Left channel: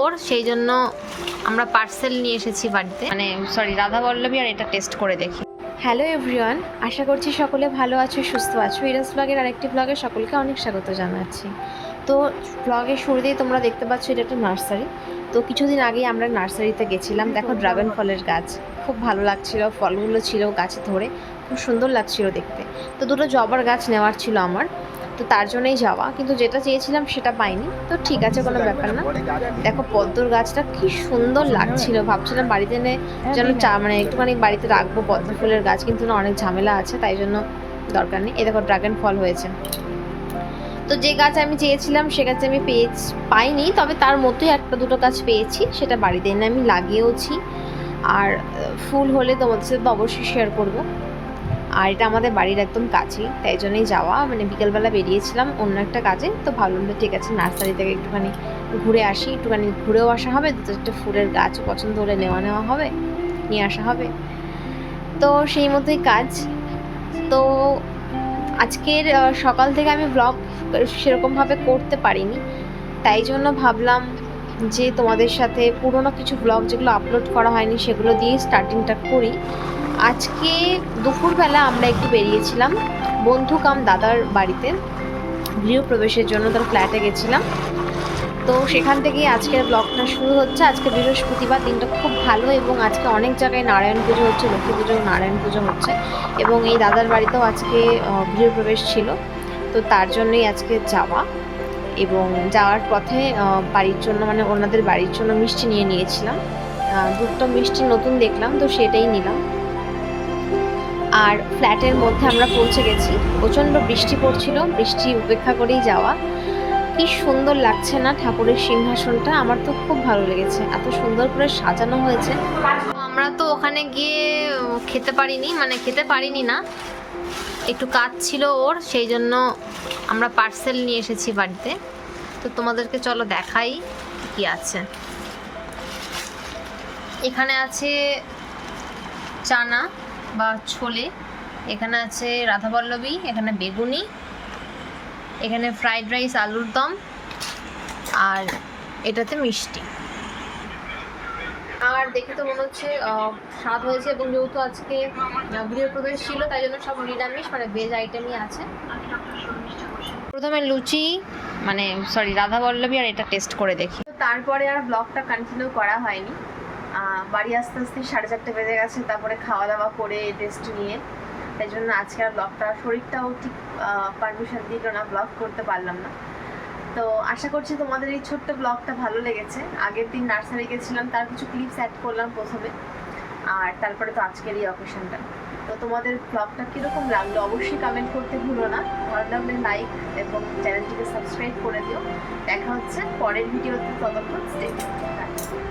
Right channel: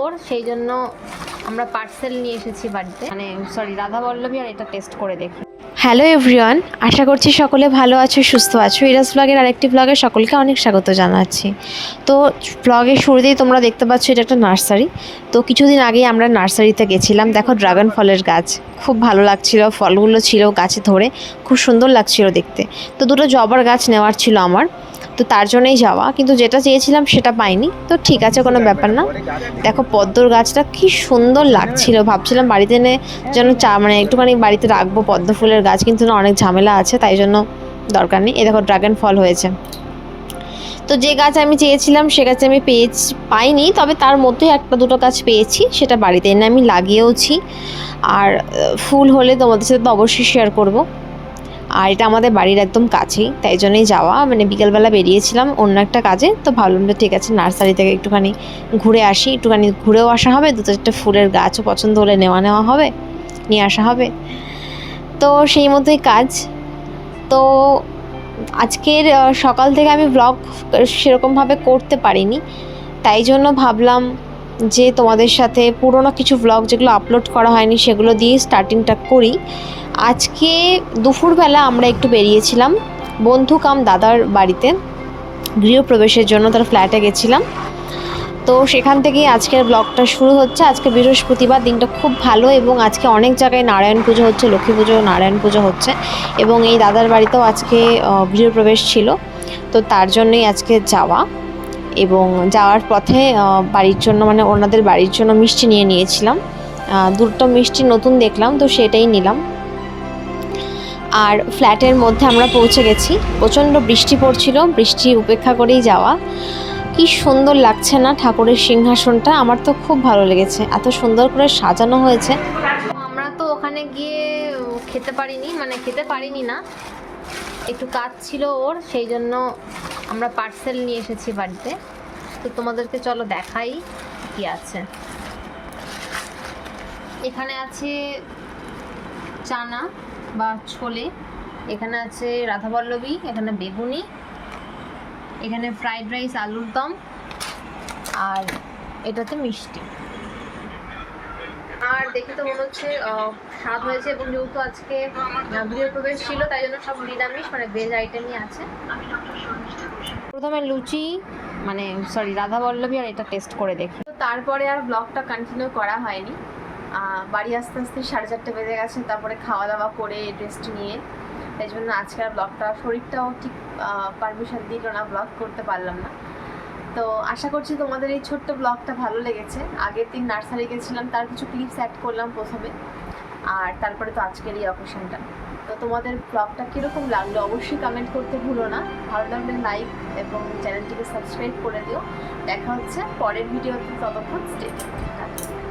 ওর সেই জন্য আমরা পার্সেল নিয়ে এসেছি বাড়িতে, মানে সরি রাধাবল্লভী, আর এটা টেস্ট করে দেখি। হ্যালো এভরিওয়ান, আশা করছি সকলে ভালো আছো, সুস্থ আছো। ইরাস ব্লগের আরেকটি ব্লগে সকলকে অনেক স্বাগত জানাচ্ছি। তো ব্লগের শুরুতেই তোমরা দেখতে পাচ্ছ এটা একটা নার্সারি। তো কিছুদিন আগেই আমরা নার্সারিতে গেছিলাম। দেখো ড্রাগন ফলের গাছ, খুব ভালো লাগছিল, ফলগুলো ছিল গাছে ধরে, খুব সুন্দর লাগছিল দেখতে। তো দুটো জবার গাছ নেওয়ার ছিল আমার, তো তার জন্যই যাওয়া, কিন্তু যেটা চেয়েছিলাম সেটা পাইনি। তো ঠিক আছে, কোনো ব্যাপার না। দেখো পদ্মর গাছটা কি সুন্দর লাগছিল, ভাবছিলাম বাড়িতে এনে যেন মানে একটুখানি বাড়িতে রাখবো পদ্ম ফুলের গাছ, কিন্তু না অনেক ঝামেলা আছে, তাই জন্য দরকার নেই। এ দেখো ড্রাগন ফল হয়েছে। তো যে গাছ আমি চেয়েছিলাম সে গাছ আমি পাইনি, তবে তার মধ্যে একটা দুটো গাছ পেয়েছি, সেটা বাড়িতে এনে আমি লাগিয়েওছি। আর ফুল হলে তোমাদের সাথে তো অবশ্যই শেয়ার করবো। আর এটা আমাদের বাড়ির একদম কাছেই, তাই জন্যই যাওয়া, মানে বিকেলবেলা বেরিয়েছিলাম অন্য একটা কাজে, তো ভাবলাম যে ঠিক আছে নার্সারি থেকে একটুখানি ঘুরে আসি, একটুখানি ঘুরেও আসা হবে, দুটো চারটে ফুলের গাছও পছন্দ হলে নেওয়া হবে, নিয়ে আসা হবে। তো সেই মতোই কাজ। তো আজকের সকাল থেকে আমি ব্লগ সেরকমভাবে করতে পারিনি, তাই জন্য ভাবলাম যে তোমাদের সাথে পুরোনো কিছু ব্লগ যেগুলো আপলোড করা হয়নি সেগুলো দিয়ে স্টার্টিংটা করি। আজকে দুপুরবেলা আমরা একটু বেরিয়েছিলাম বন্ধু কাম দাদার বাড়িতে গৃহপ্রবেশের জন্য, তার ফ্ল্যাটে গেছিলাম। তো সেখান থেকেই আজকের ব্লগটা শুরু হচ্ছে। আজকে বৃহস্পতিবার, দিনটা খুব ভালো, এবং আজকে অনেক জায়গায় নারায়ণ পুজো হচ্ছে, লক্ষ্মী পুজো, নারায়ণ পুজো হচ্ছে, এবং এই দাদার বাড়িতেও আজকে গৃহপ্রবেশ ছিল, তো তার জন্যই আজকে যাওয়া। এবং যাওয়ার পথে বাড়ির জন্য, মানে ওনাদের বাড়ির জন্য মিষ্টি নিয়ে নিয়েছিলাম। দুটো মিষ্টি নতুন দেখলাম, তো সেটাই নিলাম। আর ফ্ল্যাটের মধ্যে আমরা পৌঁছে গেছি। প্রচণ্ড বৃষ্টি পড়ছিল, বৃষ্টি উপেক্ষা করেই যাওয়া। কি সুন্দর লাগছে না ঠাকুরের সিংহাসনটা, আমার তো খুব ভালো লেগেছে, এত সুন্দর করে সাজানো হয়েছে। আমরা তো ওখানে গিয়ে খেতে পারিনি না, একটু কাজ ছিল ওর, সেই জন্য আমরা পার্সেল নিয়ে এসেছি বাড়িতে। তো তোমাদেরকে চলো দেখাই কি আছে। এখানে আছে চানা বা ছোলে, এখানে আছে রাধাবল্লভী, এখানে বেগুনি, এখানে ফ্রাইড রাইস, আলুর দম, আর এটাতে মিষ্টি। আর দেখে তো মনে হচ্ছে স্বাদ হয়েছে, এবং যেহেতু আজকে গৃহপ্রবেশ ছিল তাই জন্য সব নিরামিষ, মানে ভেজ আইটেমই আছে। প্রথমে লুচি, মানে সরি রাধাবল্লভী, আর এটা টেস্ট করে দেখি। তো তারপরে আর ব্লগটা কন্টিনিউ করা হয়নি। বাড়ি আস্তে আস্তে 4:30 বেজে গেছে, তারপরে খাওয়া দাওয়া করে টেস্ট নিয়ে, তাই জন্য আজকে আর ব্লগটা, শরীরটাও ঠিক পারমিশন দিল না, ব্লগ করতে পারলাম না। তো আশা করছি তোমাদের এই ছোট্ট ব্লগটা ভালো লেগেছে। আগের দিন নার্সারি গেছিলাম, তার কিছু ক্লিপস অ্যাড করলাম প্রথমে, আর তারপরে তো আজকের এই অকেশনটা। তো তোমাদের ব্লগটা কীরকম লাগলো অবশ্যই কমেন্ট করতে ভুলো না। ভালো লাগলে লাইক এবং চ্যানেলটিকে সাবস্ক্রাইব করে দিও। দেখা হচ্ছে পরের ভিডিওতে, ততক্ষণ স্টে টিউনড।